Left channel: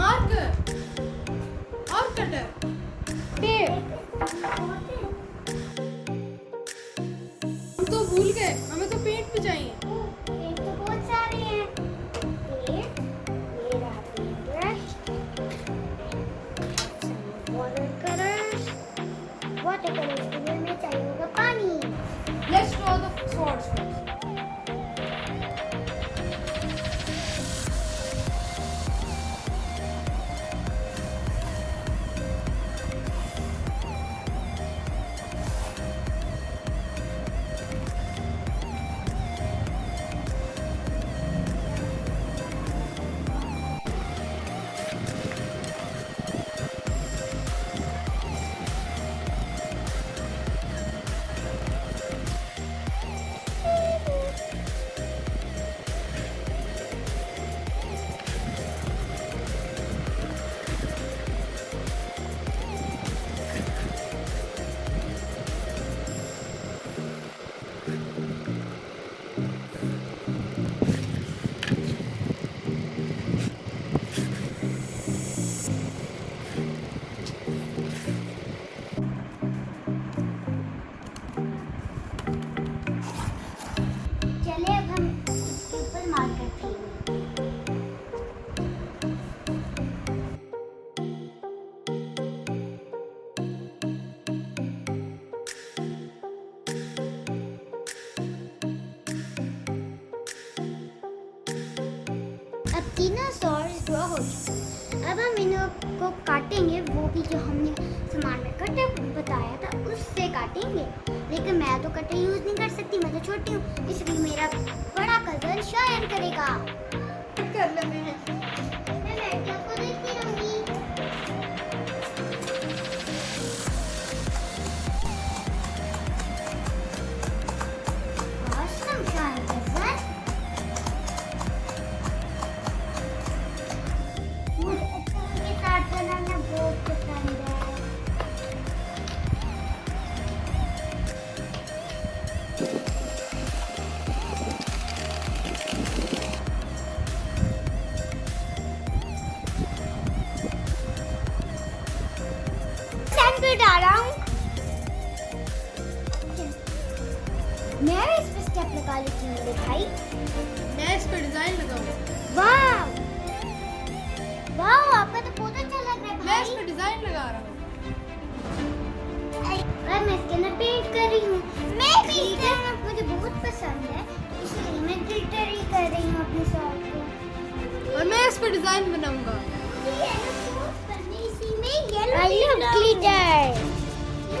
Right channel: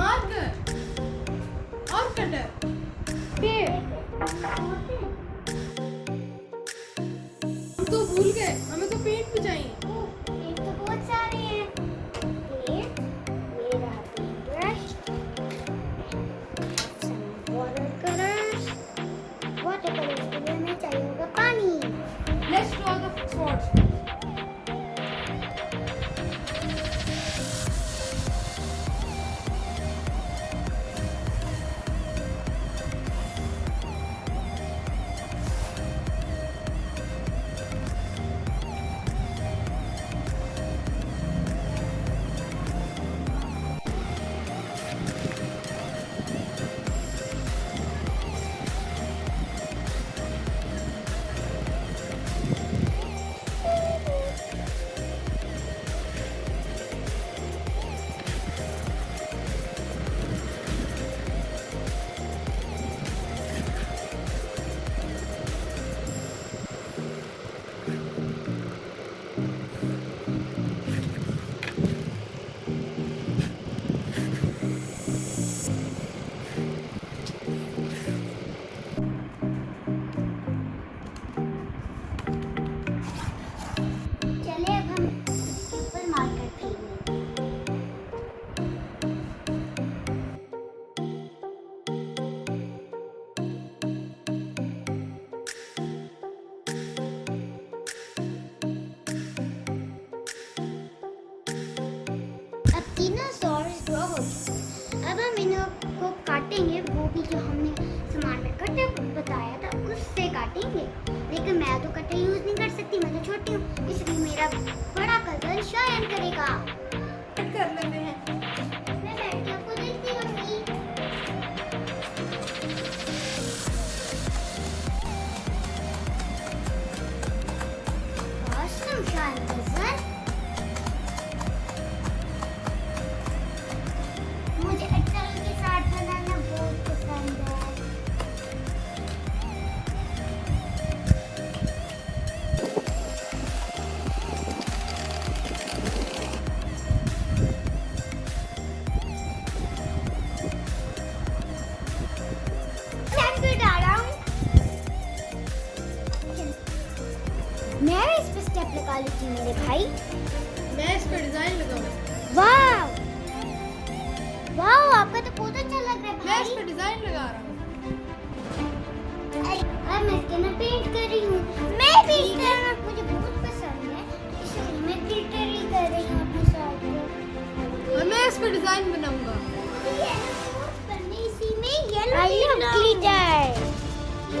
Marker और cutter tape. हम तो भूल गए, हमें तो पेंट भी चाहिए। पेंट तो बहुत सारे हैं। पेंट, ये रहा पेंट ब्रश, वाटर कलर्स के लिए हमें चाहिए होगा पानी। Let's draw the swords. चले अब हम ऊपर मार्कर खेलेंगे। अब तीनों सॉर्स ड्रॉ हो गए। अब हम इनको काटेंगे, वो भी जो हमने सामान में कटर बताया था उससे काटेंगे। लेकिन मैं तो कटर यूज नहीं कर सकती, मैं तो छोटी हूँ, इसलिए मेरा बड़ा कजन शायन करेगा। कर लेते हैं। मैं बैठ के आपको देखती रहूंगी। Awesome, Shayan cousin. मुझे एप्पल के साथ बनाना बहुत पसंद है। मैं डाला हूँ। मैं भी इस पे स्टेप लगा लेती हूँ मेरे भाई। मैं इस पर डिजाइन लगाऊंगा। वाह वाह, आपका तो बहुत अच्छा लग रहा है मैं इस भाई। पर डिजाइन लगा रहा हूँ। और मैं इसके अंदर पेंट कर रही हूँ। मैं भी मुझे बहुत पसंद है, इसलिए मैं ग्लिटर ही कर रही हूँ अपने शॉर्ट पे। और मैं इस पर डिजाइन बनाऊंगा। I love glitter.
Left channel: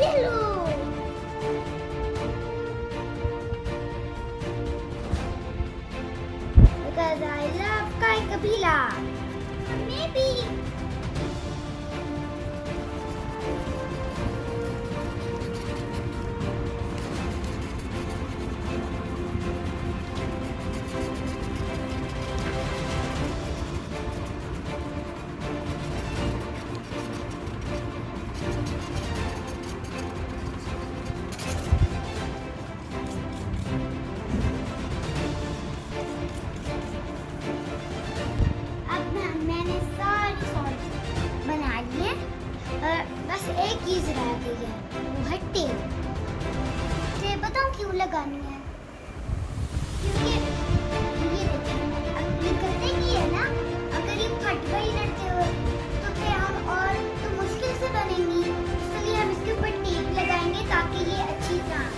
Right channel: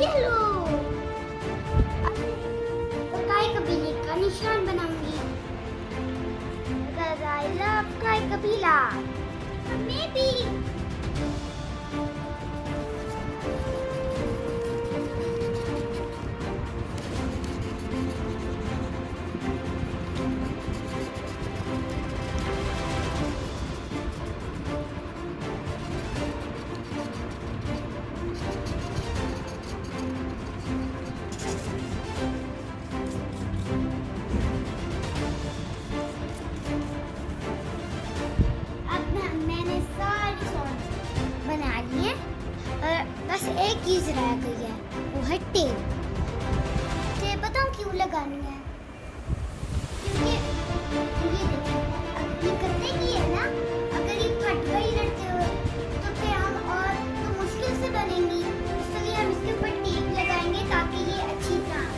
येलो। काय कबीले का निशान बनाऊंगी। Because I love काय कबीला। मैं भी। मैंने सारे सॉर्ट्स बना लिए और बस एक चीज रह गई है, वो है टेप। टेप बताऊं क्यों लगानी है? क्योंकि ये देखिए, अब ये करते ही है ना, अगर ये फट गई लड़ते हुए तो फिर हम और तो मुश्किल से बनेंगी, इसलिए हम इसके ऊपर टेप लगाएंगे ताकि ये अच्छी तरह आए।